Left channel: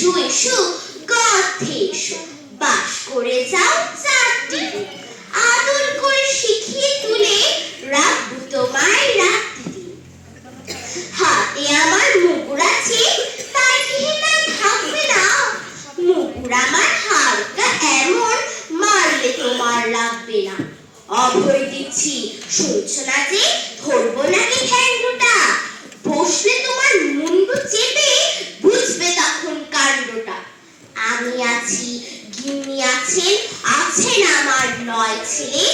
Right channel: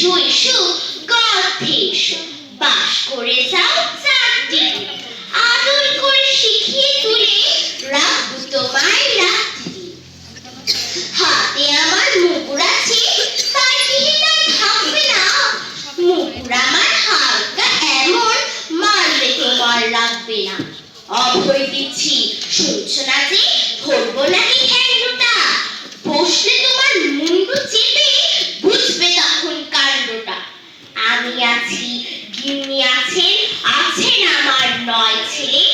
এসো এসো গর্তে এসো, বাস করে যাও 4 দিন, আদর করে শিখিয়ে তুলে রাখবো তোমায় রাত্রি। হাতে আমার মুগুর আছে, তাই কিনে তাই থাকবে না, মুগুর আমার হালকা এমন, মারলে তোমার লাগবে না। অভয় দিচ্ছি, শুনছো না যে, ধরবো নাকি ঠ্যাংটা, বসলে তোমার মুন্ডু চেপে বুঝবে তখন কাণ্ডটা। আমি আছি, গিন্নি আছেন, আছেন আমার 9 ছেলে,